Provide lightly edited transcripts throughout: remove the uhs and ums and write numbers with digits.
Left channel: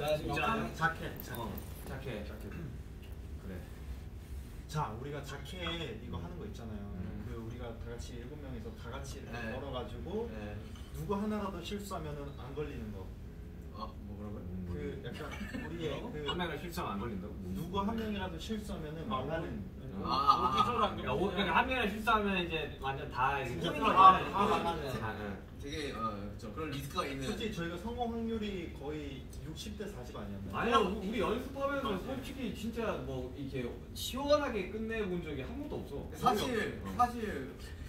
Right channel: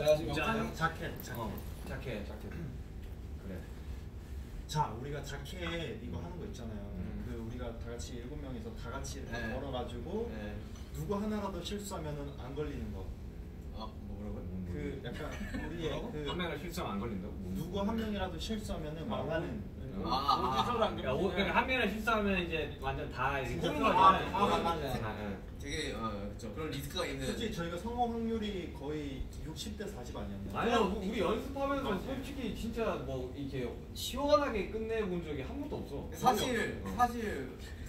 자, 지금 자켓. 자켓. 그래. 자, 우리가 자켓 이거 하는 거 있잖아요. 그 우리가 다 같이 7명이서 다 같이 이렇게 걸어가지고 누구 하나라도 실수하면은 안 걸리는 거. 뭐라고요? 그 약간 우리의 그 한 명이라도 실수하면 안 걸린다고? 누구 한 명이라도 실수하면은 말라는. 그러니까 한 명이라도 실수하면 이제 완전 다 되게 그런 리스크가 있는. 솔직히 저희가 성공 확률이 거의 60대 40 아니었나요? 아니요, 우리 연습하면서 솔직히 진짜 뭐 이렇게 시원하게 끝내본 적이 한 번도 없어. 사실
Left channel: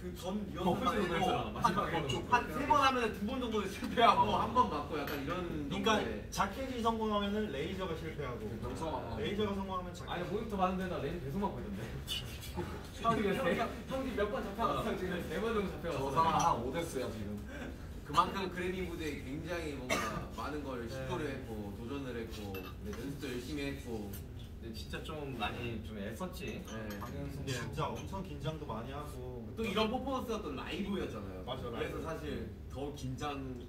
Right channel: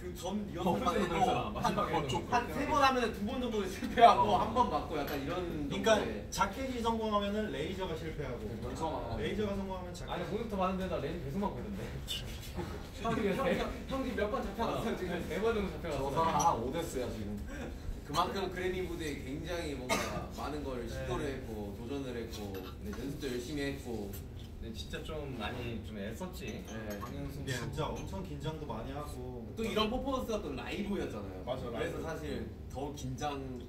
그 전 리허설 한 3번 하면 2번 정도 실패하고 한 번 맞고 약간 이런. 그러니까 자켓이 성공하면은 레이저가 실패하고 레이저가 성공하면 자켓. 아니 모니터 봤는데 나 레이저 계속 맞고 있던데. 형기 몇 번 잡혀갔어 지금 4번 정도 잡혀갔어. 저 사람 한 5대스야 지금. 그만큼 그래미 무대에 굉장히 뭔가 많은 걸 시도를 했고 도전을 했고 연습도 열심히 했고. 근데 진짜 좀 많이 좀 애썼지. 진짜 엄청 긴장도 많이 하고 또 이런 퍼포먼스가 또 라이브였잖아요. 맞아, 그래서 라이브. 사실 더 긴장도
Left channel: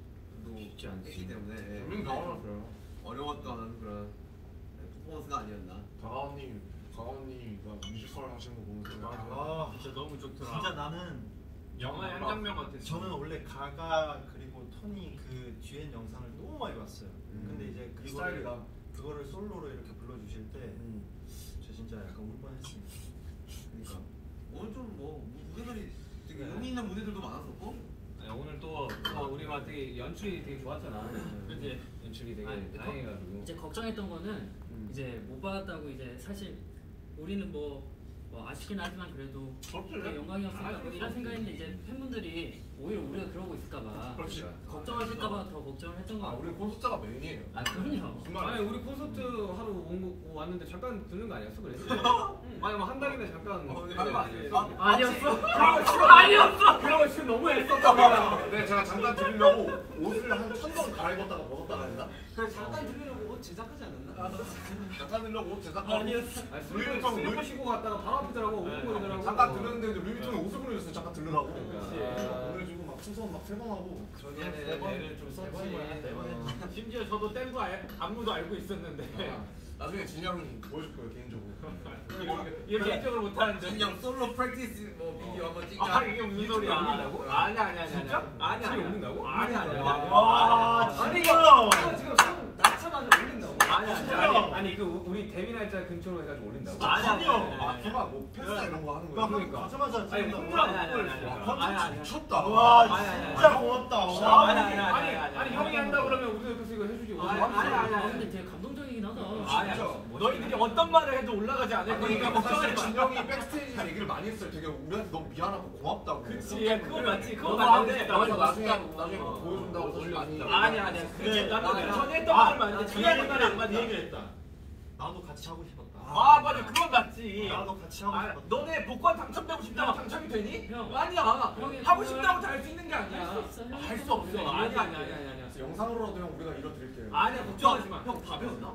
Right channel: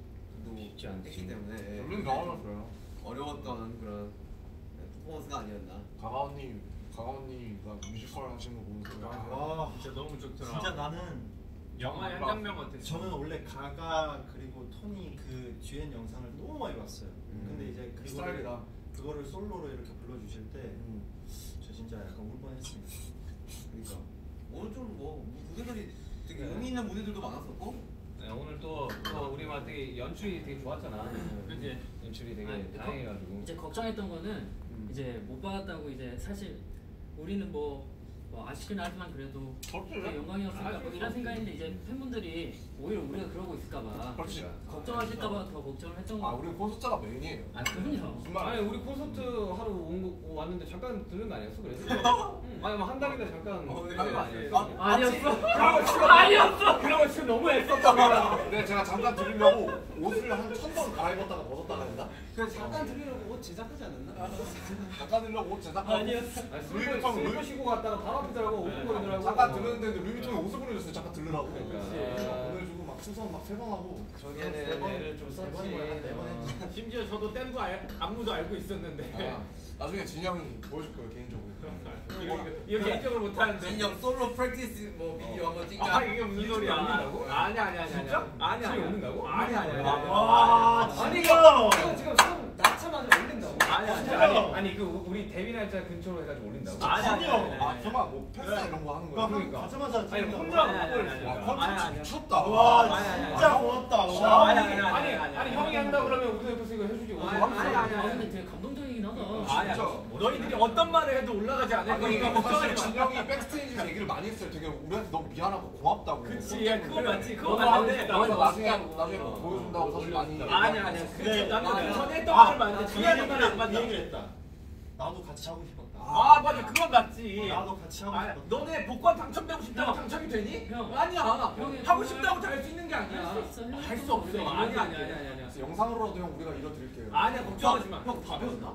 쉽지 않지. 했기 때문에 우리는 나와놨어요. 어려웠던 그런 퍼포먼스가 아니었나. 가가오님가 뮤지컬 하시는 거 보면서 아 진짜 너무 좋더라. 진짜 나는 영화 한 장면 같았어. 저는 원래 가가 그리고 토니 그 듀엣 영상을 너무 많이 봤어요. 근데 이제 그거를 솔로로 이렇게 불러주실 때 저 진짜 약간 울 뻔했습니다. 그러니까 오늘 좀 뭐 무대들이 되게 의미 있는 무대들도 많았었고. 네, 오늘 또 우리가 되게 연출이 되게 좋았잖아. 그치? 연출이 되게 다양해가지고. 이제 걱정했던 거는 이제 못 받았다고 이제 사실 우리는 뭐 아쉽긴 하지만 그래도 영광이었으니까 뭐 이런 생각인데 이제 팬분들이 오히려 우리가 그러고 있을까봐 걱정하실까봐 더 걱정을 했던 거. 우리 콘서트가 메인이에요. 그럼요. 아니 우리 콘서트 하러 왔는데 잠깐 들른 거 아니었어? 그래? 아니 뭐 한 달이면 잠깐 하는 거 아니었어? 아니었어. 그런 거 지금 너무 애썼다. 네, 제가 잠깐 들으려고 옷을 한 1000번 갈아입었다가 벗었다가 했나? 그래 잠깐 들으려고 옷 제작하지 않았나? 잠깐 들으려고 옷 제작하고 아니었어. 술 쉬고 갔다가 바로 앞이더라고. 오픈거리더라고. 잠깐 들었는데 루이비통에 옷을 보내줬어요. 잠깐 들으라고. 보내주고 막 충성 막 3번 하고. 저기에는 애를 좀 썼지. 심지어 저도 뗀 거 안무도 알고 있었는데. 나중에 진이 형이 보여줄 거예요 개인적으로. 이렇게 개인적으로 못하는데. 진영 솔로 프랙티스 뭐 비디오 한번 찍자. 이게 무슨 소리야? 올린다고? 아니야. 진짜? 아니야. 올린다고? 아니야. 와 아니 진짜. 지금 손 낳자마자 올린다고? 아니 그 우리 데뷔 날짜 근처로 해가지고 올린다고? 아니야. 설마 뭐 패스 이런 거 하는 거야? 그러니까 가자마자 아니 혼자 못 보냈어. 아니야. 미쳤다. 와 진짜 고맙다. 아니 형이 한다 그러면 우리도 그래서 이거 해주지. 근데 되게 감동적이긴 하다. 너희들이 어떤 말을 해도 올라가지 않을 거니까 걱정하지 마. 진영이 백스테이지 얘기를 많이 했어요. 되게 우리한테 너무 미안하고 고맙다고. 그치, 그건 맞지. 그건 너도 맞는데. 나중에 보여준다고 사실 많이. 아니야. 그게 나는 전에 했던 말을 맞는데 뒤에 하는 말이 안 맞아. 얘기를 했다. 나도 같이 하고 싶었다. 맞아. 그건 맞지. 나도 같이 하고 싶었다. 너네 복권 당첨되고 싶다고 당첨이 되니? 형. 아니야. 하고 싶다고 다 할 수 있는 게 아니야. 할 수 없어. 아니야. 영상으로라도 형 우리가 이뤄드릴게요. 아니야, 걱정하지 마. 형 다 배웠나?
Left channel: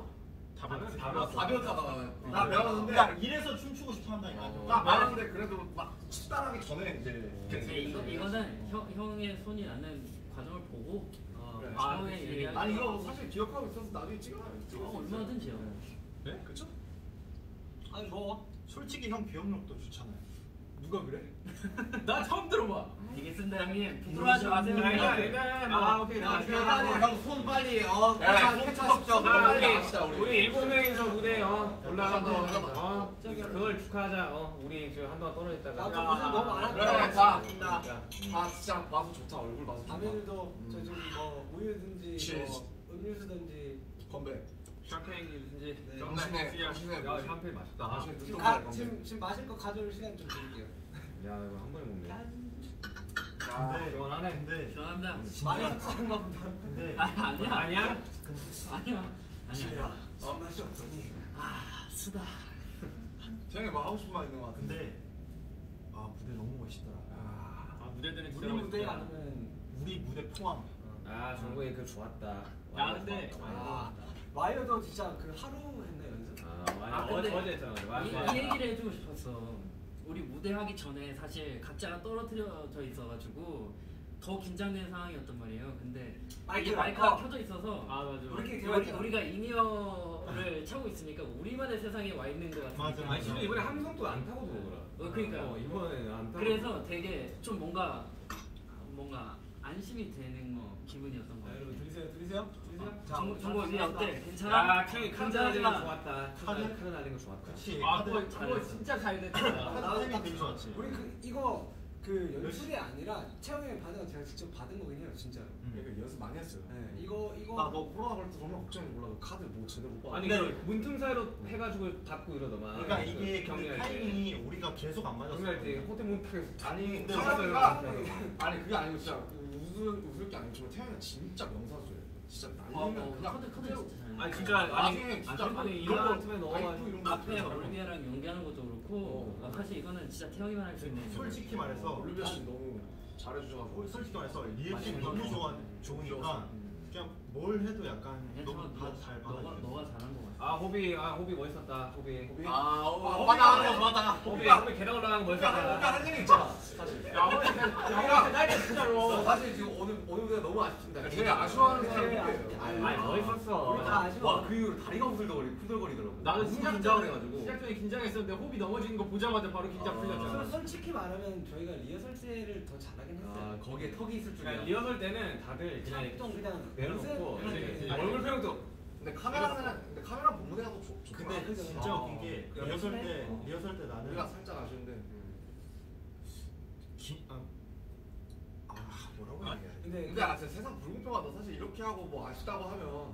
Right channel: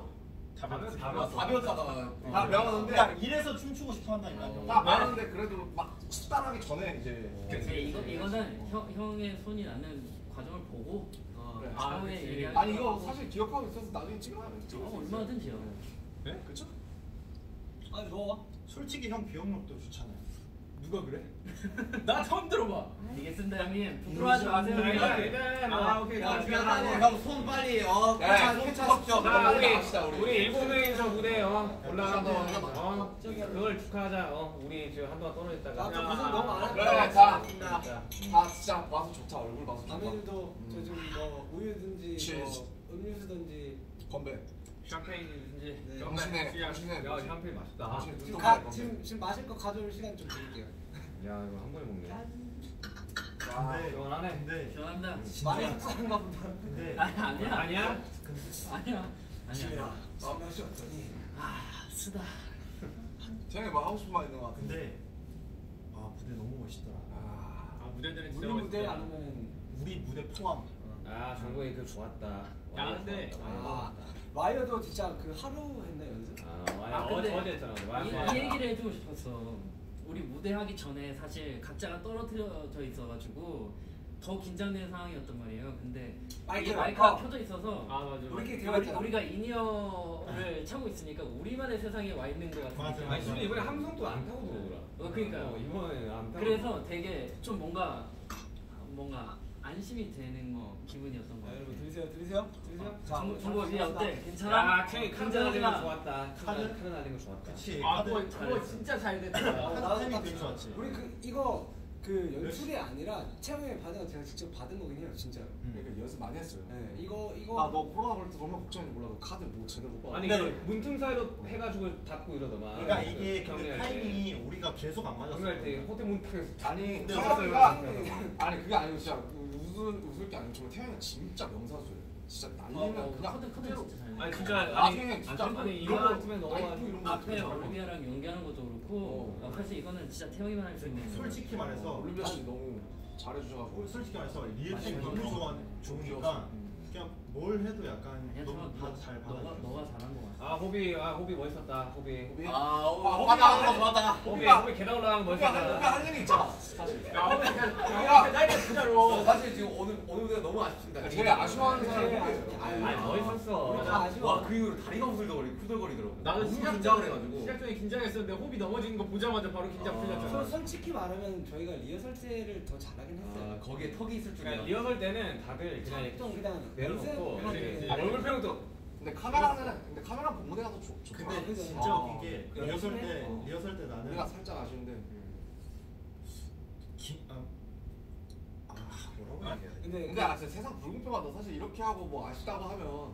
다 다 배웠잖아. 나 배웠는데 야 이래서 춤추고 싶어 한다니까. 나 배웠는데 그래도 막 식단하기 전에 이제. 이거는 형의 손이 나는 과정을 보고 처음에 얘기하는 아니 이거 사실 기억하고 있어서 나중에 찍어요. 얼마든지요. 네? 그쵸? 아니 좋아. 솔직히 형 기억력도 좋잖아요. 누가 그래? 나 처음 들어봐. 이게 쓴다 형님. 부끄러워하지 마세요. 오케이. 형손 빨리 캐치하십시오. 우리 7명이서 무대 올라간 거 그걸 축하하자. 우리 지금 한동안 떨어졌다가. 무슨 너무 안 그래 자 진짜 봐서 좋다. 얼굴 봐서 좋다. 다음에도 저 좀 뭐 우유든지 뭐 음료수든지 건배. 샴페인이든지 당신의 야 샴페인 맛있다. 지금 마실 거 가져올 시간 좀 드릴게요. 야 이거 한 번에 먹네. 근데 시원하네. 근데 죄송합니다. 많이 썩은가 보다. 근데 아니야. 쓰다. 쟤네 뭐 하고 싶은 말 있는 거 같은데. 근데 무대 너무 멋있더라. 무대들은 우리 무대 아니면 우리 무대 포함. 정국이 그 좋았다. 야 근데 와이어도 진짜 그 하루 했나 연습? 어제 했잖아. 이 얘기를 해주고 싶었어. 우리 무대 하기 전에 사실 각자가 떨어뜨려져 있어가지고 더 긴장되는 상황이었단 말이에요. 근데 마이크, 마이크가 켜져 있어서 아 맞아. 우리가 인이어를 차고 있으니까 우리만의 세상에 와 있는 것 같은 맞아, 느낌. 아니 심지어 이번에 함성도 안 타고 들어오더라. 그러니까요. 이번에는 안 타고. 그래서 되게 좀 뭔가 안심이 되는 기분이었던 것 자, 같아요. 여러분 들리세요? 정보 이제 어때? 괜찮아? 야, 카드 날린 거 좋았다. 카드 날린 거 좋았다. 그치. 아 그거 진짜 잘 됐다. 타이밍 되게 좋았지. 우리 이거 연출이 아니라 채영이 받은 거 제가 직접 받은 거긴 해요, 진짜로. 그러니까 연습 많이 했어요. 네, 이거 아뭐 코로나 걸릴 때 정말 걱정이 몰라. 카드 뭐 제대로 못 받아. 아니 문틈사이로 해가지고 닫고 이러더만. 그러니까 이게 그 경기할 때. 타이밍이 우리가 계속 안 맞았어. 경기할 때 호텔 문틈에서 아니 근데 카메라가 아니 그게 아니고 진짜 웃을 게 아니고 정말 태양이가 진짜 명사수예요. 진짜 날리면 그냥 카드 그대로. 진짜 잘. 아니 진짜 나중에 진짜 아니 이런 틈에 넣어가지고 이런 거 앞에 진짜 올리비아랑 연기하는 것도 그렇고 사실 이거는 진짜 태영이만 할 수 있는. 솔직히 말해서 올리비아 씨 너무 잘해주셔가지고 솔직히 말해서 리액션이 너무 좋으니까 그냥 뭘 해도 약간 너무 잘 받아들여. 너가 잘한 것 같아. 호비 멋있었다. 호비. 맞아 맞아. 호비 계단 올라가는 거 멋있었다. 할 일이 있잖아 사실. 나 진짜로. 사실 지금 오늘 무대가 너무 아쉽습니다. 제가 아쉬워하는 사람이에요. 아니 멋있었어. 와그 이후로 다리가 후들거리더라고. 나도 너무 시작 긴장을 전에 해가지고. 시작 전에 긴장했었는데 호비 넘어지는 거 보자마자 바로 긴장 풀렸잖아. 솔직히 말하면 저희가 리허설 때를 더 잘하긴 했어요. 거기에 턱이 있을 그러니까 줄이야. 리허설 때는 다들 그냥 좀 그냥 내려놓고 연습- 얼굴 표정도 근데 카메라 본무대가 더 좋다. 근데 진짜 웃긴 게 리허설 때 나는 우리가 살짝 아쉬운데. 뭐라고 얘기해야 돼? 근데 아 진짜 세상 불공평하다. 사실 이렇게 하고 뭐 아쉽다고 하면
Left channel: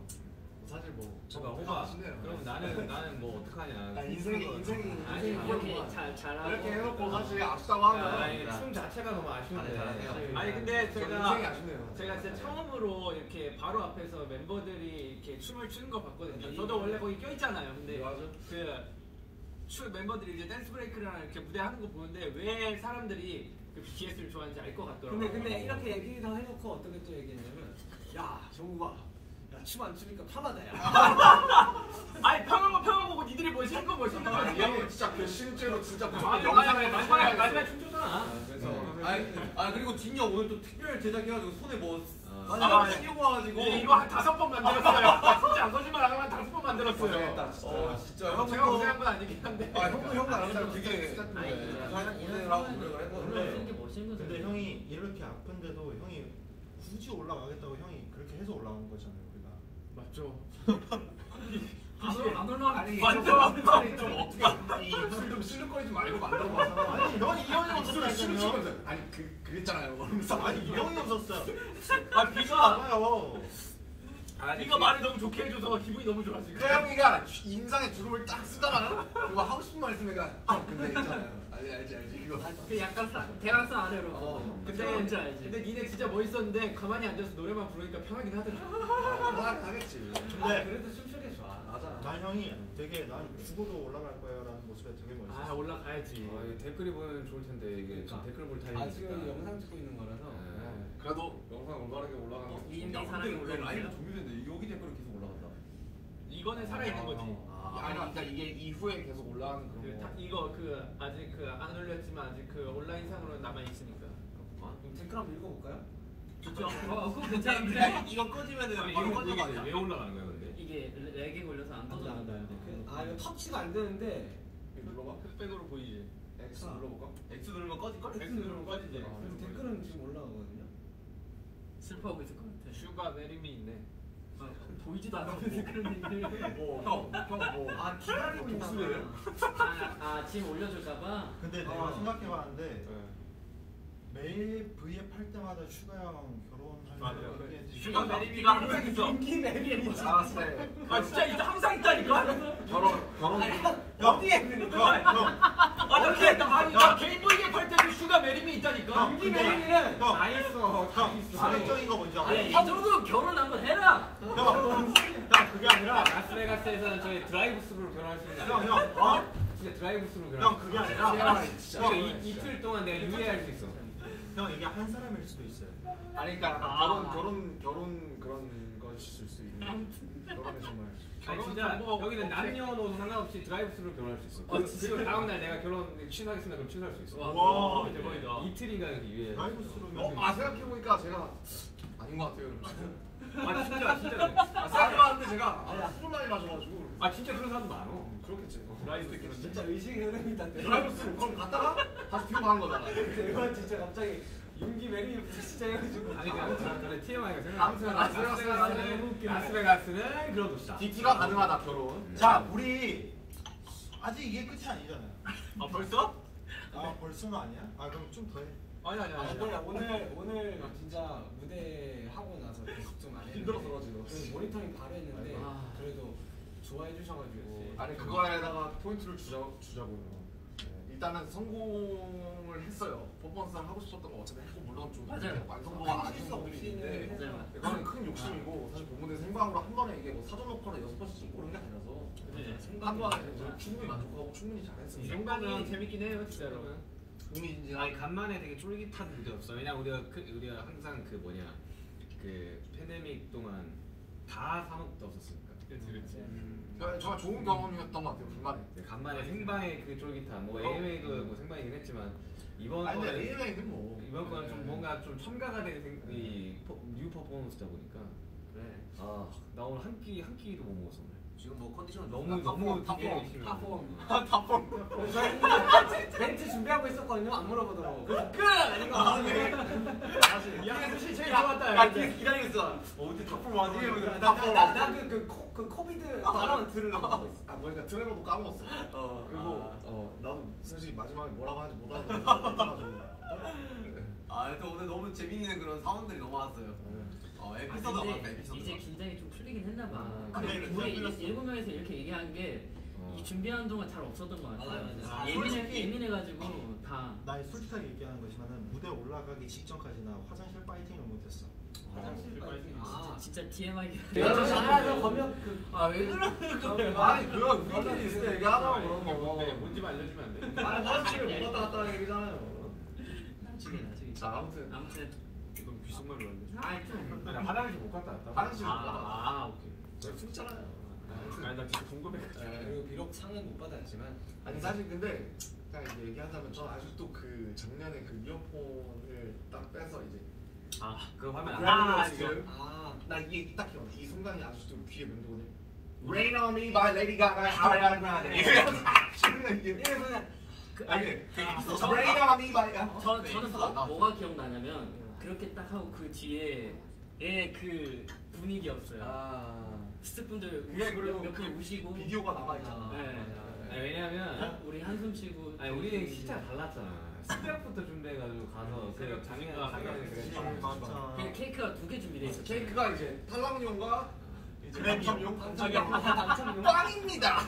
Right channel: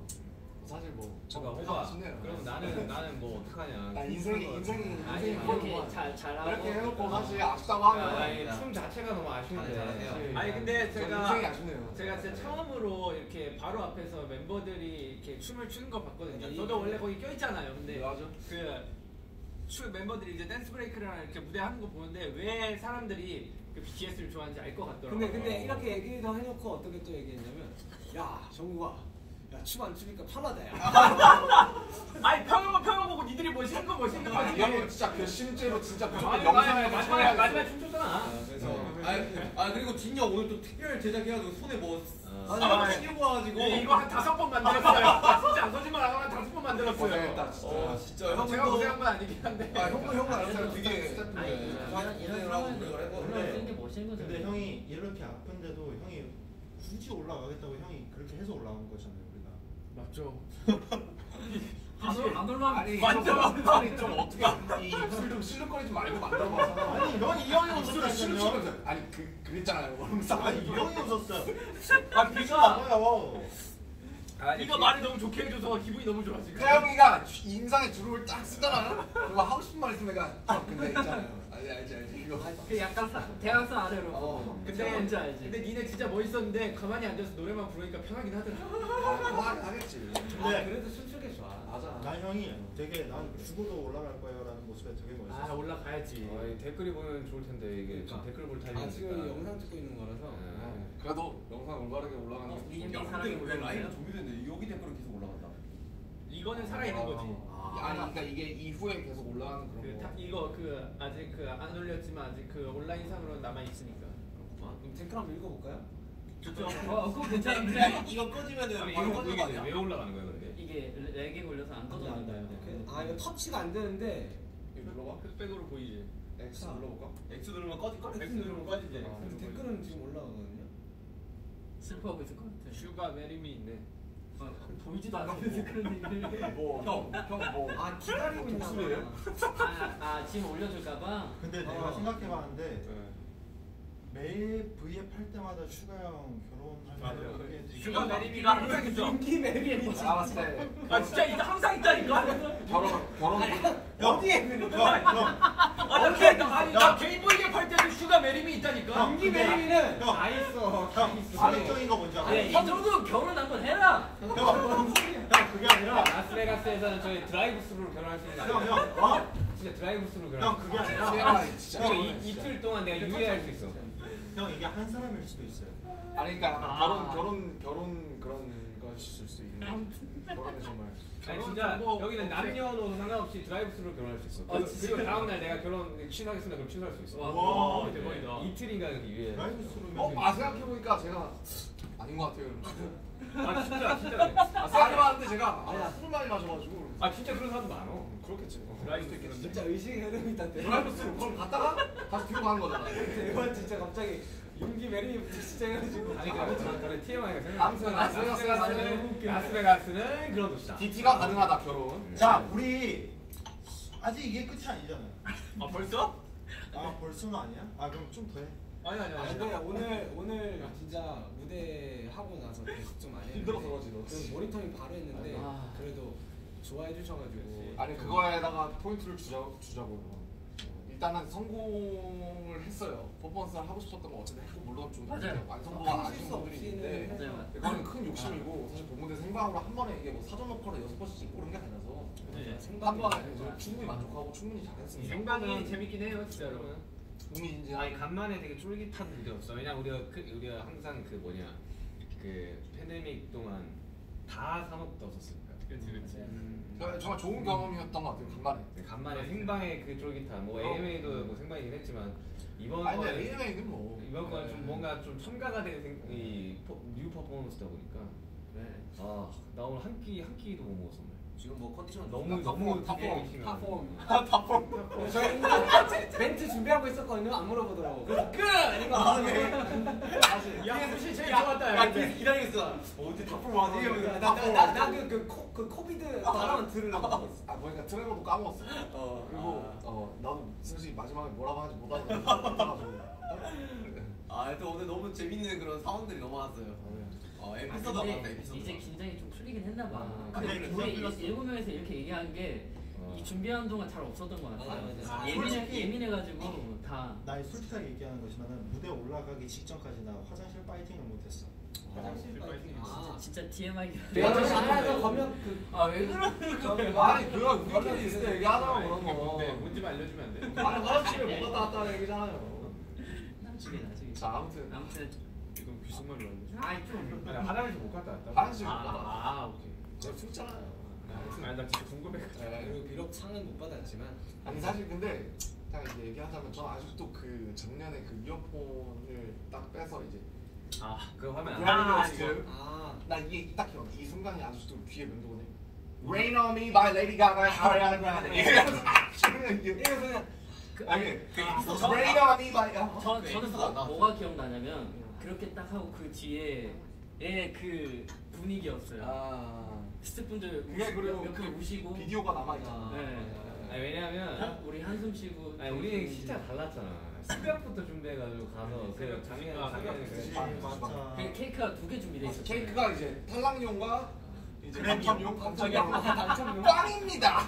사실 뭐 제가 호바 그럼 나는 뭐 어떡하냐. 나 인생이 아니 이렇게 잘하고 이렇게 해놓고 사실 아쉽다고 하면 아니 춤 자체가 너무 아쉬운데. 아니 근데 인생이 제가 아쉽네요. 진짜 처음으로 이렇게 바로 앞에서 멤버들이 이렇게 춤을 추는 거 봤거든요. 저도 원래 거기 껴있잖아요. 근데 멤버들이 이제 댄스 브레이크랑 이렇게 무대 하는 거 보는데 왜 사람들이 그 BTS를 좋아하는지 알 것 같더라고요. 근데 이렇게 얘기도 해놓고 어떻게 또 얘기했냐면, 야 정국아, 춤 안 추니까 편하다 야. 아니 평은 보고 니들이 멋있는 거 멋있는 거지. 이거 진짜 그 실제로 진짜 그 아니, 영상에 마지막에 춤췄잖아. 그래서 그리고 진영 오늘 또 특별 제작해가지고 손에 뭐 끼고 와가지고 이거 한 5번 만들었어요. 진짜 안 거짓말 안 하고 한 5번 만들었어요. 고생했다 진짜. 진짜 제가 고생한 건 아니긴 한데. 형도 알았어요. 되게 이런 상황에서 쓰는 게 멋있는 거죠. 근데 형이 이렇게 아픈데도 형이 굳이 올라가겠다고 형이 그렇게 해서 올라온 거잖아요 우리가. 맞죠. 안 올라가. 아니 좀 어떻게 이 입술 좀 실룩거리지 말고 만들어봐서. 아니 넌 이 형이 입술을 실룩시면서 아니 그랬잖아요. 그러면서 아니 이 형이 웃었어요. 아 비가 맞아요. 비가 말을 너무 좋게 해줘서 기분이 너무 좋아 지금. 태영이가 인상에 주름을 딱 쓰잖아. 그거 하고 싶은 말 있으면 근데 있잖아요. 알지 이거. 그 약간 대학생 아래로. 근데 뭔지 알지. 근데 니네 진짜 멋있었는데 가만히 앉아서 노래만 부르니까 편하긴 하더라. 하겠지. 근데 그래도 춤추기 좋아. 맞아. 난 형이 되게 난 죽어도 올라갈 거야라는 모습에 되게 아 멋있어. 올라가야지. 댓글이 보면 좋을 텐데 이게 지금 댓글 볼 아 타이밍이니까. 지금 영상 찍고 있는 거라서. 그래도 영상 올바르게 올라가는. 미연이 사랑이 올라가요? 종료됐는데 여기 댓글은 계속 올라간다. 이거는 살아있는 거지. 아니 그러니까 이게 이후에 계속 올라가는 그런 거. 이거 아직 안 올렸지만 아직 온라인상으로 남아 있으니까. 댓글 한번 읽어볼까요? 좋죠. 그거 괜찮은데? 이거 꺼지면은 이게 바로 꺼져 아니야? 왜 올라가는 거야 근데? 이게 렉에 걸려서 안 떠져나가요. 아 이거 터치가 안 되는데. 이거 눌러봐. 흑백으로 보이지. X 눌러볼까? X 누르면 꺼질걸? X 누르면 꺼지지. 그래서 댓글은 지금 올라가거든요. 슬퍼하고 있을 것 같아. 슈가 메리미 있네. 보이지도 않는데 그런 얘기를. 뭐. 아 기다리고 있나 독수예요? 아 지금 올려줄까봐. 근데 내가 생각해봤는데 매일 V앱 할 때마다 슈가 형 결혼할 맞아요. 때 슈가 메리미가 항상 있어. 인기 매비에 뭐지? 알았을 때 아 진짜 있다 항상 있다니까. 결혼 어디에 있는 거야? 나 개인 V앱 할 때도 슈가 메리미 있다니까. 인기 매비는 다 있어. 형 파격적인 거 뭔지 알아? 이 정도 결혼 한번 해라. 형 그게 아니라 라스베가스에서는 저희 드라이브 스루로 결혼할 수 있는 형 진짜 드라이브 스루로 결혼. 형 그게 아니라 진짜 이틀 동안 내가 유예할 수 있어. 형 이게 한 사람일 수도 있어요. 아니 그러니까 결혼 그런 것일 수 있는 결혼은 정말 아니 진짜 여기는 남녀노소 상관없이 드라이브스루로 결혼할 수 있어. 그리고 다음날 내가 결혼 취소하겠습니다. 그럼 취소할 수 있어. 와, 대박이다. 이틀인가 이렇게 유예. 드라이브스루면 생각해보니까 제가 아닌 것 같아요. 아 진짜 그래. 생각해봤는데 제가 술을 많이 마셔가지고. 아 진짜 그런 사람도 많어. 그렇겠지. 드라이브스 그런데. 진짜 의식의 흐름이 있다는데. 드라이브스루 그걸 갔다가 다시 뒤로 가는 거잖아. 이건 진짜 갑자기 윤기 메리부터 진짜 해가지고. 아니 그래 TMI가 생각. 아무튼 라스베가스는 그런 곳이다. DT가 가능하다 결혼. 자, 우리 아직 이게 끝이 아니잖아요. 아 벌써? 아, 벌써는 아니야? 아, 그럼 좀 더 해. 아니. 오늘 진짜 무대 하고 나서 계속 좀 많이 힘들어서 그러지 너. 좀 모니터링 바로 했는데 아. 그래도 좋아해 주셔가지고. 아니 그거에다가 포인트를 주자고. 일단은 성공을 했어요. 퍼포먼스를 하고 싶었던 거 어쨌든 했고 물론 좀 맞아요. 완성도가 아쉬운 부분이 있는데 맞아요. 이거는 큰 욕심이고 사실 본무대 생방으로 한 번에 이게 뭐 사전 녹화를 6번씩 찍고 그런 게 아니라서 한 번에 충분히 만족하고 충분히 잘했습니다. 생방이 재밌긴 해요 진짜로. 흥미진진한. 아니 간만에 되게 쫄깃한 무대였어. 왜냐 우리가 항상 그 팬데믹 동안 다 사먹었었으니까. 그렇지. 정말 좋은 경험이었던 것 같아요. 간만에 생방의 그 쫄깃함. 뭐 AMA도 뭐 생방이긴 했지만 이번 아니 근데 거는 AMA는 뭐 이번 거는 좀 뭔가 좀 첨가가 된 뉴 퍼포먼스다 보니까. 네. 아 나 오늘 한 끼도 못 먹었어 오늘. 지금 뭐 컨디션 너무 탑폼. 탑폼. 저희 멘트 준비하고 있었거든요. 안 물어보더라고. 그래서 끝! 야 사실 제일 좋았다. 기다리고 있어. 어디 탑으로 와지? 그 코비드 발언 들으려고. 그러니까 트레버도 까먹었어. 그리고 나도 사실 마지막에 뭐라고 하는지 못 알아듣고. 또 오늘 너무 재밌는 그런 사원들이 너무 많았어요. 에피소드가 근데 많다 에피소드. 이제 긴장이 좀 풀리긴 했나 봐. 아, 근데 그래, 우리 풀렸어. 7명에서 이렇게 얘기한 게 이 준비하는 동안 잘 없었던 것 같아요. 맞아. 예민해가지고 다. 나 솔직하게 얘기하는 거지만은 무대 올라가기 직전까지 나 화장실 파이팅을 못했어. 화장실 진짜 TMI. 내가 더 잘해서 거면 왜 그러는 거야? 아니 그거 우리끼리 있을 때 얘기하자고 그런 거. 뭔지 알려주면 안 돼? 아니 화장실을 못 갔다 왔다는 얘기잖아요. 나중에. 자 아무튼 이건 귓속말로 알려줘. 아니 좀. 아니 화장실 못 갔다 왔다. 화장실 못 갔다 왔다. 오케이. 제가 숨잖아요. 아니 나 진짜 궁금해가지고. 그리고 비록 상은 못 받았지만 아니 사실 근데 딱 이제 얘기하자면 저는 아직도 그 작년에 그 이어폰을 딱 빼서 이제 그거 화면 나 이게 딱 기억. 이 순간이 아직도 귀에 맴도거든. Rain on Me by Lady Gaga, Ariana Grande. 아니 Rain on Me by. 저는 뭐가 기억나냐면 그렇게 딱 하고 그 뒤에 그 분위기였어요. 스태프분들 몇분 우시고 비디오가 남아 있잖아. 아니, 왜냐면 우리 한숨 쉬고. 우리 진짜 달랐잖아. 새벽부터 준비해가지고 가서 그 작년에 맞아. 케이크가 2개 준비돼 있었어요. 케이크가 이제 탈락용과 이제 그래미용? 당첨용 빵입니다.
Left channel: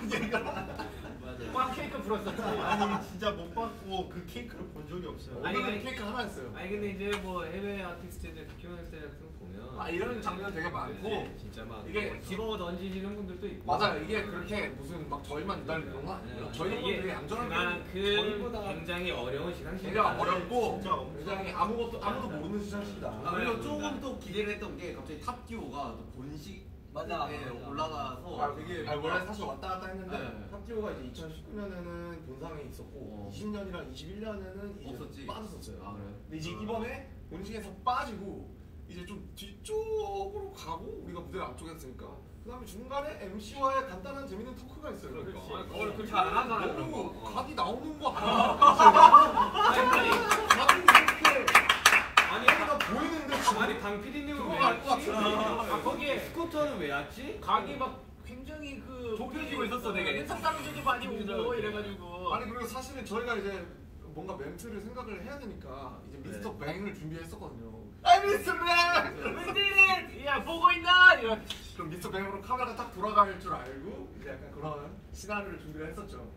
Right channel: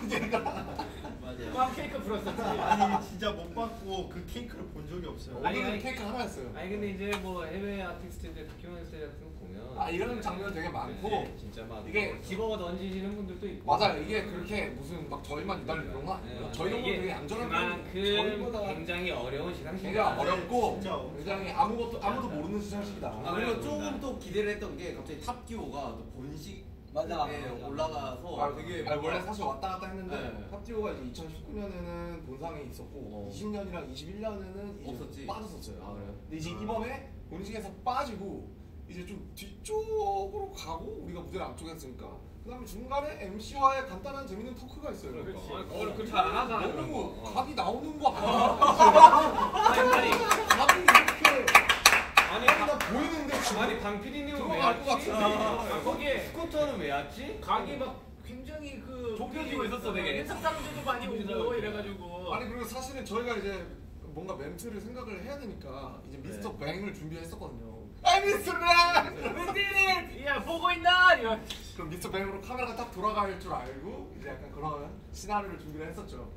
빵 케이크 불었었지. 아니 진짜 못 받고 그 케이크를 본 적이 없어요. 오늘은 케이크 하나였어요. 아니 근데 이제 뭐 해외 아티스트들 다큐멘터리 같은 거 보면 이런 장면 되게 많고 진짜 막 이게 집어 던지시는 분들도 있고 맞아요. 이게 그렇게 무슨 막 저희만 기다리는 건 아니에요. 저희는 되게 얌전한 그만큼 굉장히 어려운 시상식이다. 되게 어렵고 진짜 굉장히 아무도 모르는 시상식이다. 그리고 조금 또 기대를 했던 게 갑자기 탑듀오가 또 본식 올라가서 되게 원래 사실 왔다 갔다 했는데 네. 탑듀오가 이제 2019년에는 본상에 있었고 20년이랑 21년에는 이제 없었지. 빠졌었어요. 그래요? 근데 이제 이번에 본식에서 빠지고 이제 좀 뒤쪽으로 가고 우리가 무대 앞쪽에 했으니까 그다음에 중간에 MC와의 간단한 재밌는 토크가 있어요. 그렇지 안 하잖아. 너무 각이 나오는 거 아니 각이 이렇게 아니 나 보이는데 지금 아니 강 PD님은 왜 들어갈 것 왔지? 같은데. 거기에 스쿠터는 왜 왔지? 각이 막 굉장히 그 좁혀지고 있었어 되게. 회사 사람들도 많이 오고 이래가지고. 아니 그리고 사실은 저희가 이제 뭔가 멘트를 생각을 해야 되니까 이제 미스터 뱅을 준비했었거든요. 아 미스터 뱅! 웬디는 야 보고 있나? 이런. 그럼 미스터 뱅으로 카메라가 딱 돌아갈 줄 알고 이제 약간 그런 시나리오를 준비를 했었죠.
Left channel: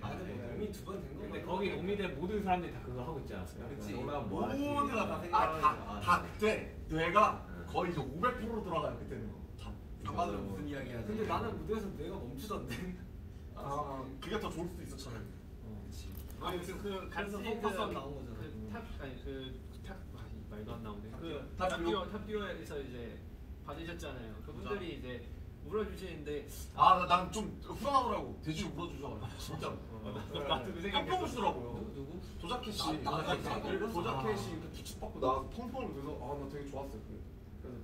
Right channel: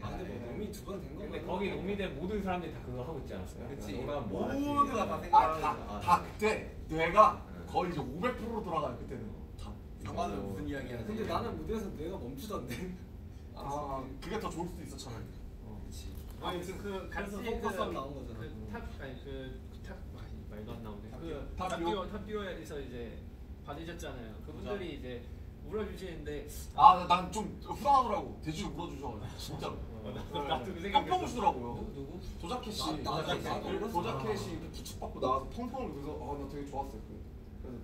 이미 2번 된 거. 근데 거기 오미된 모든 사람들이 다 그거 하고 있지 않았어요? 그치. 너가 뭐 하지? 모두가 다 생각을 다 그때 뇌가 거의 이제 500%로 돌아가요 그때는. 다. 장관은 무슨 이야기 하지? 근데 나는 무대에서 뇌가 멈추던데. 그게 더 좋을 수도 있어 차라리. 아니 그 같이 그래서 포커스가 나온 거잖아. 그탑 말도 안 나오네. 탑듀오? 탑듀오에서 이제 받으셨잖아요. 그분들이 이제 물어주시는데 난 좀 후회하더라고. 돼지를 물어주셔. 진짜로. 나도 그 생각했어. 팡팡 주더라고요. 누구? 조자켓 씨. 나도 조자켓이 이렇게 기축받고 나와서 펑펑을 그래서 나 되게 좋았어요.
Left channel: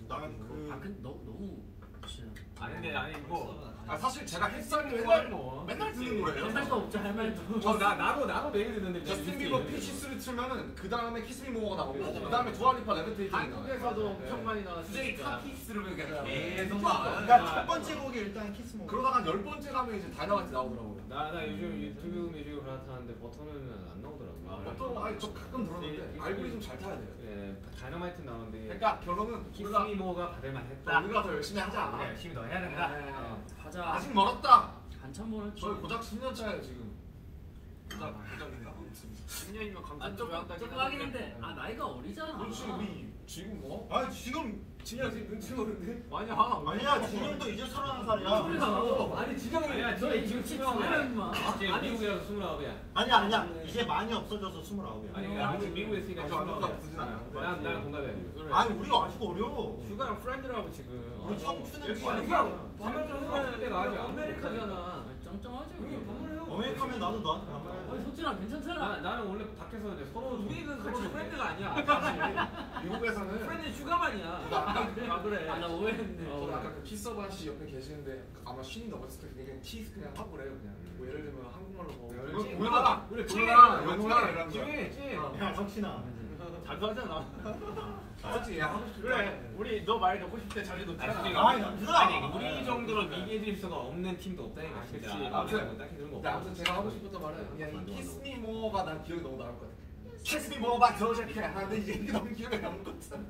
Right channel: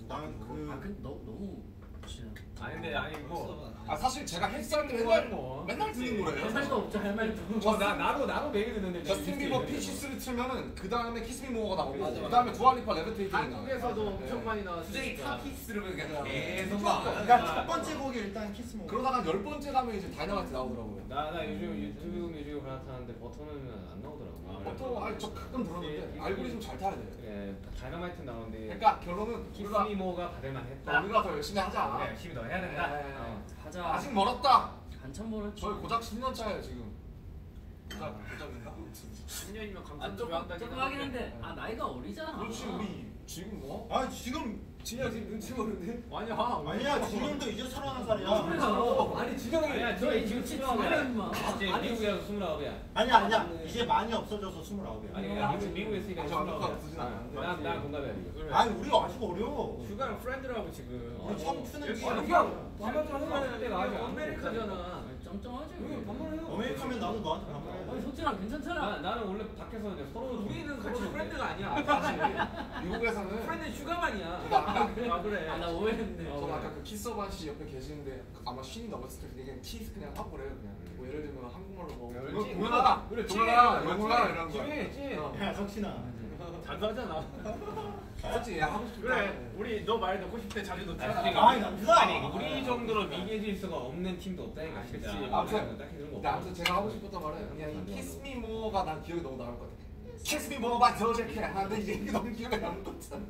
나는 근데 너무 싫어. 아니 뭐 사실 제가 햇살이 맨날 뭐. 맨날 듣는 할 노래예요. 말도 없죠, 할 말도. 나도 매일 듣는데. 저스틴 비버 피치스를 틀면은 그 다음에 키스미 모어가 나오고 그 다음에 두알리파 레비테이팅. 한국에서도 엄청 많이 나왔으니까. 키스를 그냥 계속 그러니까 첫 번째 곡이 일단 키스 모. 그러다가 10번째 가면 이제 다이너마이트 나오더라고요. 나 요즘 유튜브 뮤직 갈아타는데 버터는 안 나오더라고. 저 가끔 들었는데 알고리즘 잘 타야 돼요. 그래 다이너마이트 나오는데. 그러니까 결론은 키스미모가 받을만했다. 우리가 더 열심히 하자. 그래, 열심히 더 해야 된다. 하자. 아직 멀었다. 한참 멀었지. 저희 고작 10년 차예요 지금. 고작인가? 10년이면 감탄 조금 하긴 했는데 나이가 어리잖아. 그렇지 우리 지금 뭐? 지금 진영 지금 눈치 보는데? 아니야 진영도 이제 31살이야. 아니 진영이 아니야, 너 지금 치면 마. 이제 미국이라서 29이야. 아니야 이제 많이 없어져서 29이야. 아니 미국에 있으니까 아직 안 없어지진 않아요. 난 공감해. 아니 우리가 아직 어려. 휴가랑 프렌드라고 지금. 우리 청춘은 여기 지금 때가 아직 아메리카잖아. 쩡쩡하지. 어메리카면 나도 너한테 반말해. 아니 소진아 괜찮잖아. 나는 원래 밖에서 이제 서로 우리는 같이 프렌드가 아니야. 미국에서는 프렌드 휴가만이야. 그래. 나 오해했네. 저는 아까 그 키서반 씨 옆에 계시는데 아마 신이 넘었을 때 그냥 키스 그냥 하고 그래요 그냥. 뭐 예를 들면 한국말로 뭐 동현아 그래, 동현아 영훈아 이런 거. 찡해. 야 석신아. 자주 하잖아. 그렇지 하고 싶다. 그래. 우리 너 말 넣고 싶을 때 자주 넣잖아. 아니 남준아. 아니 우리 정도로 미개질 수가 없는 팀도 없다니까. 진짜. 아무튼 딱히 그런 거 근데 없어. 아무튼 제가 하고 싶었던 말은 그냥 이 키스미 모어가 난 기억이 너무 나올 것 같아. 키스미 모어가 저렇게 하는데 이제 이게 너무 기억에 남는 것 같아.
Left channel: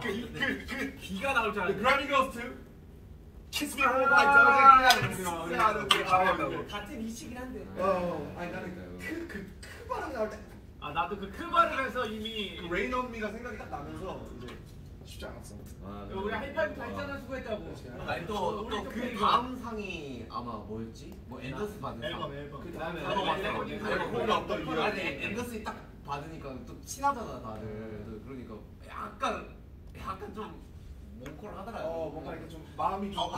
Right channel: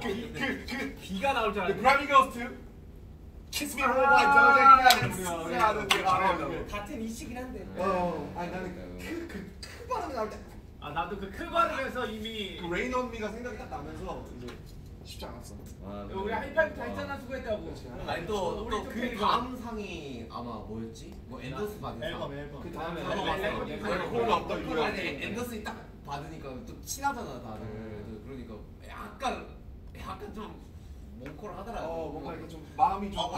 그 비가 나올 줄 알았는데. 브라미 거스트 키스미 모어가 저렇게 하는데 같은 이시긴 한데. 아니 나는 그 발음이 나올 때 나도 그 크바르에서 이미 레인 온 미가 생각이 딱 나면서 이제 쉽지 않았어. 우리 하이파이브 다 했잖아 수고했다고. 아니 또그 다음 상이 아마 뭐였지? 뭐 앤더스 받은 상. 앨범. 그 다음에 아니 앤더슨이 딱 받으니까 또 친하잖아 다들. 그러니까 약간 좀 몽콜 하더라고. 뭔가 이렇게 좀 마음이 좀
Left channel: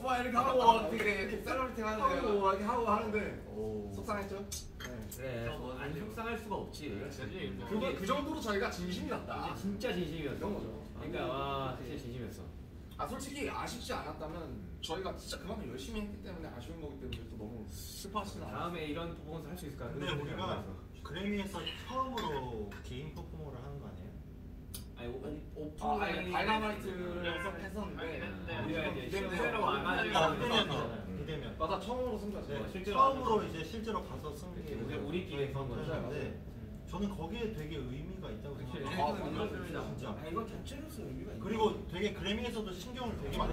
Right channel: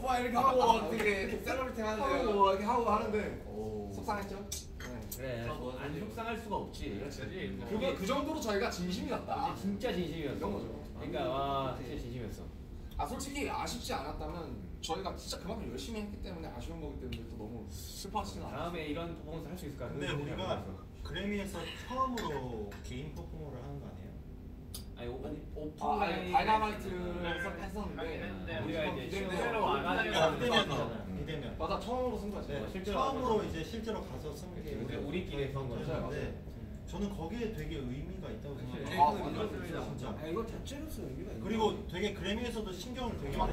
뭐 이렇게 하고 되게 셀러리티 하는데 이렇게 하고 하는데 속상했죠? 그래. 안 속상할 수가 없지. 그렇지. 그 정도로 저희가 진심이 났다. 진짜 진심이었어. 이런 거죠. 그러니까 진짜 진심이었어. 솔직히 아쉽지 않았다면 저희가 진짜 그만큼 열심히 했기 때문에 아쉬운 거기 때문에 또 너무 슬퍼하시진 않아요. 다음에 이런 퍼포먼스 할 수 있을까? 근데 우리가 그래미에서 처음으로 개인 퍼포먼을 하는 거 아니에요? 아니 다이너마이트를 했었는데 우리가 이제 비대면. 실제로 와가지고 비대면. 맞아 처음으로 승부했어요. 네, 실제로 처음으로 이제 실제로 가서 승리 우리끼리 그런 거죠. 했는데 저는 거기에 되게 의미가 있다고 생각해요. 맞습니다. 진짜. 이거 자체로서 의미가 있네. 그리고 되게 그래미에서도 신경을 되게 많이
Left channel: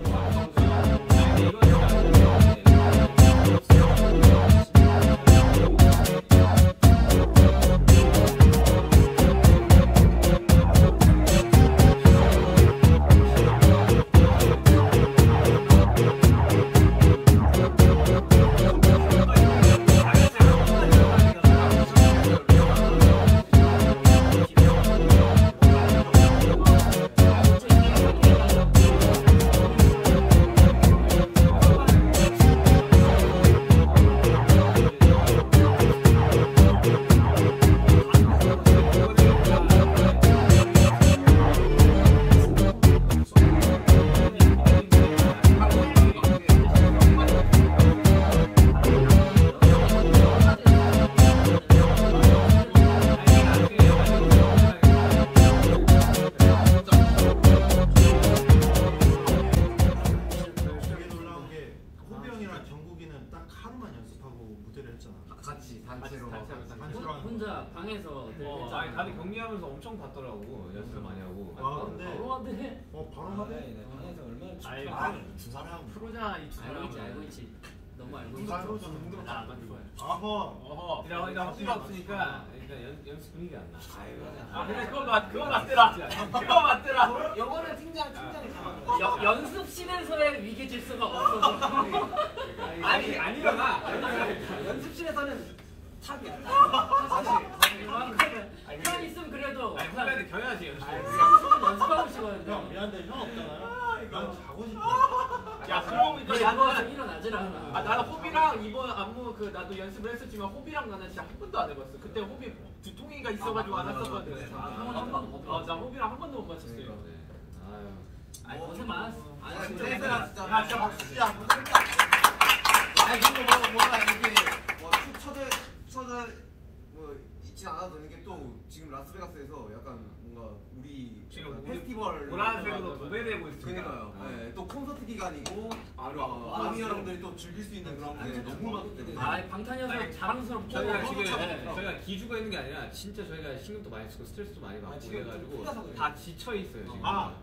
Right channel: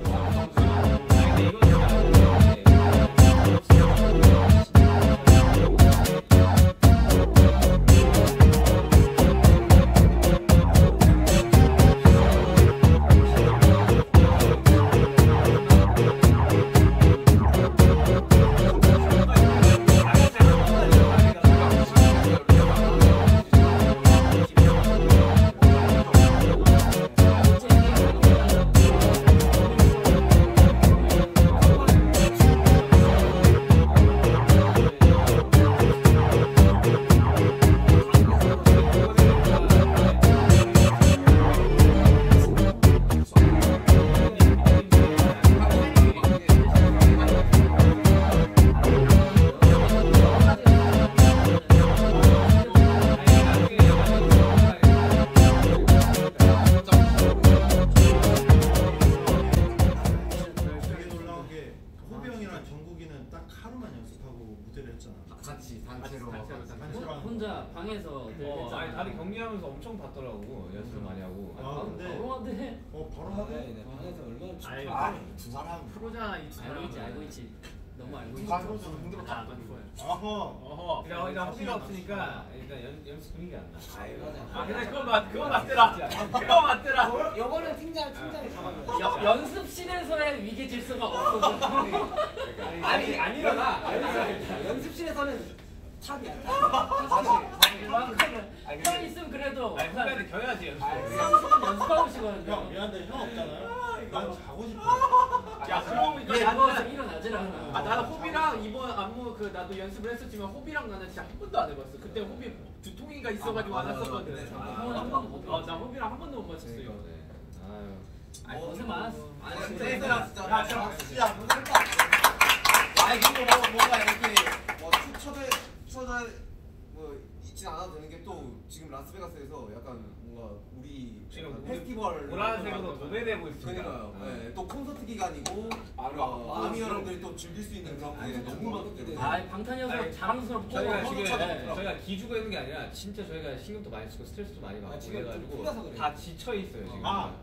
같이 단체로. 혼자 방에서 아니 다들 경기하면서 엄청 봤더라고. 연습 많이 하고. 근데 바로 하대. 바로 하대. 방에서 얼마나 아이, 두 사람 프로자 이두 알고 있지. 너무 알고 있지. 부산 프로좀 힘들었다. 안 좋아요. 어허. 일단 허비가 없으니까 일단 연습 분위기 안 나. 근데 그거 맞더라. 그거 맞더라. 영어는 팀장이 잡아. 연습실에서의 위계 질서가 없어. 아니잖아. 연습실에서는 탑이야. 형 있으면 그래도 아니 후배한테 겨야지 연습. 연습하고 싶어요. 형 미안한데 형 없잖아요. 난 자고 싶어. 야 그러고 보니까 누워서 나는 일어나질 않아. 아 나는 호비랑 이번 안무 그 나도 연습을 했었지만 호비랑 나는 진짜 한 번도 안 해봤어. 그때 호비 두통이가 있어가지고 안 했었거든. 형은 한 번도 못 해봤어. 나 호비랑 한 번도 못 맞췄어요. 아유. 아니 고생 많았어. 아, 진짜 진짜 고생 진짜. 많았어. 야, 아니 근데 뭔가 이렇게 뭐 처제 뭐 있진 않아도 되는 게 또 지금 라스베가스에서 약간 뭔가 우리 지금 페스티벌 보라색으로 도배되고 있습니다. 그러니까요. 네, 또 콘서트 기간이고 아, 아미 여러분들이 또 즐길 수 있는 그런 게 너무 많기 때문에. 아 방탄이어서 자랑스럽고 저희가 지금 찾았더라고요. 저희가 기죽어 있는 게 아니라 진짜 저희가 신경도 많이 쓰고 스트레스도 많이 받고 지금 좀 그래가지고 풀려서 그래요. 다 지쳐 있어요 지금. 아.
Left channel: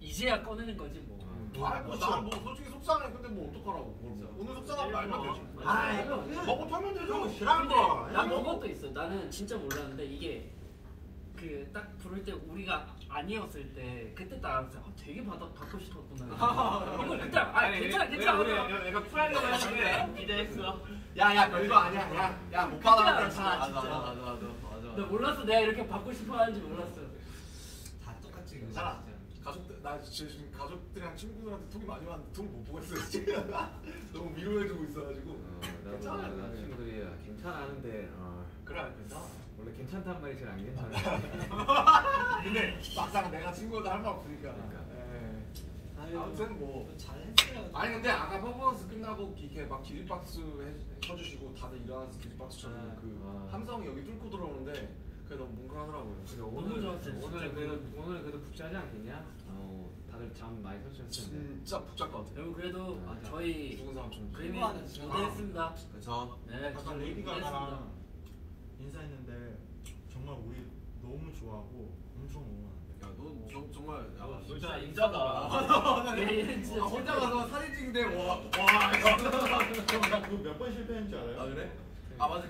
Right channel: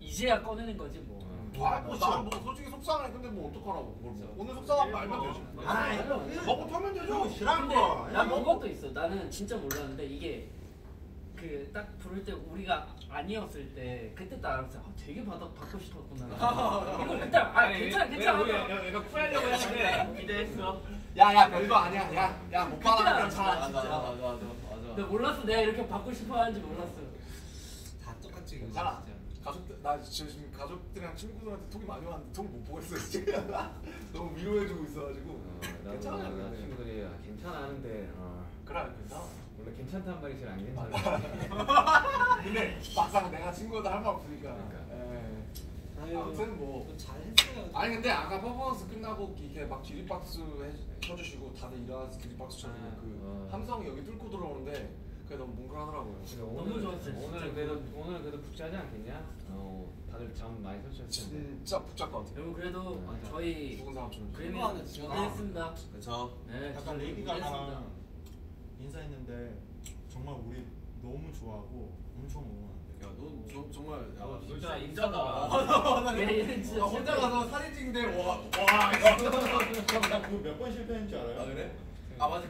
이제야 꺼내는 거지 뭐. 뭐 솔직히 속상해. 근데 뭐 어떡하라고 그걸 뭐. 오늘 속상하면 말면 되지. 먹고 털면 되죠. 싫어하는 근데 거. 난 그것도 있어. 나는 진짜 몰랐는데 이게 그 딱 부를 때 우리가 아니었을 때 그때 딱 알았어. 되게 받고 싶었구나. 이걸 그때 괜찮아. 우리 약간 쿨하려고 했는데 기대했어. 야야 별거 아니야. 야못 그때 받아. 알았어, 진짜. 맞아. 나 몰랐어. 내가 이렇게 받고 싶어 하는지 몰랐어. 다 똑같지. 괜찮아. 가족들 나 지금 가족들이랑 친구들한테 톡이 많이 왔는데 톡을 못 보고 있어요 지금. 너무 위로해주고 있어가지고. 나도 나 친구들이 괜찮아 하는데 그래 괜찮아. 원래 괜찮단 말이 제일 안 괜찮아. 근데 막상 내가 친구들 할 말 없으니까. 아무튼 아무튼 뭐. 잘했어요. 아니 근데 아까 퍼포먼스 끝나고 이렇게 막 기립박수 쳐주시고 다들 일어나서 기립박수 쳐주고 그 함성 여기 뚫고 들어오는데 그게 너무 뭉클하더라고요. 너무 좋았어요, 오늘 그래도 북자지 않겠냐? 다들 잠 많이 설쳤을 텐데. 진짜 북잡 것 같아요. 여러분 그래도 저희 죽은 사람처럼. 그림이 무대했습니다. 그렇죠. 네, 아까 저희 레이디 무대했습니다. 가가랑 인사했는데 정말 우리 너무 좋아하고 엄청 응원한대. 야너 정말 야, 진짜 인자다. 네, 진짜 혼자 가서 사진 찍는데 와 나그몇 번 실패했는지 알아요? 아 그래? 아 맞아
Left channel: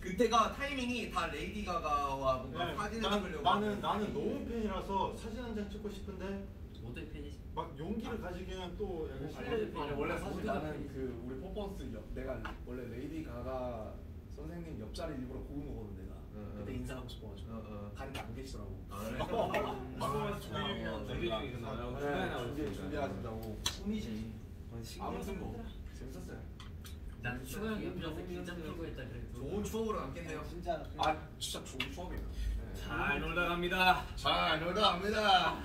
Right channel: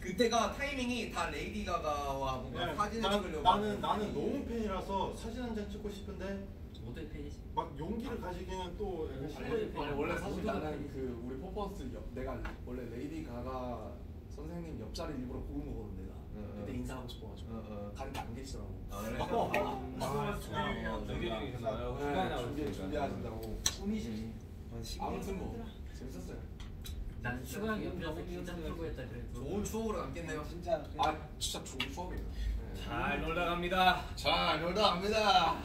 그때가 타이밍이 다 레이디 가가와 뭔가 네, 사진을 찍으려고 나는 너무 팬이라서 사진 한 장 찍고 싶은데 모델 팬이지. 막 용기를 가지기는 또 약간 실패. 아니 원래 사실 나는 그 우리 퍼포먼스 내가 원래 레이디 가가 선생님 옆자리 일부러 고른 거거든 내가. 그때 인사하고 싶어가지고 다른데 안 계시더라고. 아 그래? 준비하신다고. 꿈이지. 아무튼 뭐 재밌었어요. 난 슈가 형 옆이라서 긴장 풀고 했다 그래도. 좋은 추억으로 남겠네요. 진짜. 아 진짜 좋은 추억이에요. 잘 놀다 갑니다. 잘 놀다 갑니다.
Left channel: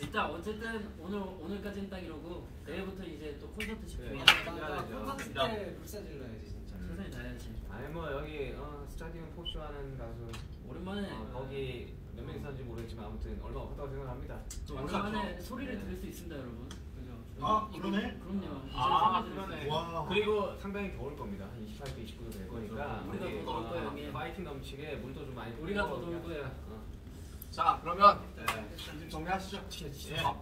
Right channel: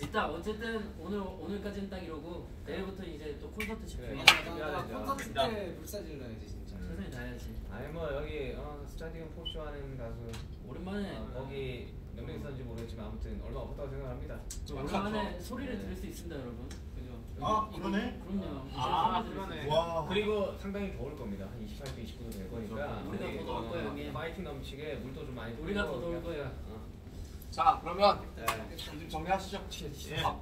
일단 어쨌든 오늘까지는 딱 이러고 내일부터 이제 또 콘서트 집중해야 나 콘서트 때 불사질러야지 진짜. 최선을 다해야지. 아니 뭐 여기 스타디움 포쇼 하는 가수 오랜만에 거기 몇 명 있었는지 모르겠지만 아무튼 얼마 없었다고 생각합니다. 오랜만에 소리를 들을 수 있습니다, 여러분. 그죠? 아 그러네? 그럼요. 아, 이제 소리 들을 수 그러네. 있어요. 와. 그리고 상당히 더울 겁니다. 한 28도, 29도 될 거니까 우리가 더 더울 거예요, 형님. 파이팅 넘치게 물도 좀 많이 우리가 뿌리고 더 더울 그냥, 거야. 자 그러면 네. 이제 정리하시죠.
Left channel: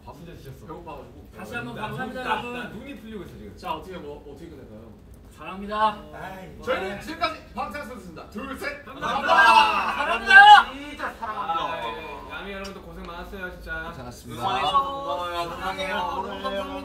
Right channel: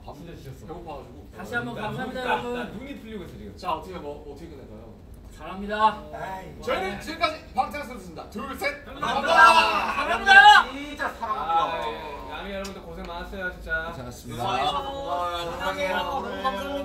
밥 진짜 지쳤어. 배고파가지고. 다시 한번 감사합니다, 나 여러분. 눈이 풀리고 있어 지금. 자 어떻게 끝낼까요? 사랑합니다. 저희는 지금까지 방탄소년단입니다. 둘 셋. 감사합니다. 사랑합니다. 진짜 아, 사랑합니다. 야미 여러분들 고생 많았어요 진짜. 고생하셨습니다. 고마워요. 사랑해요.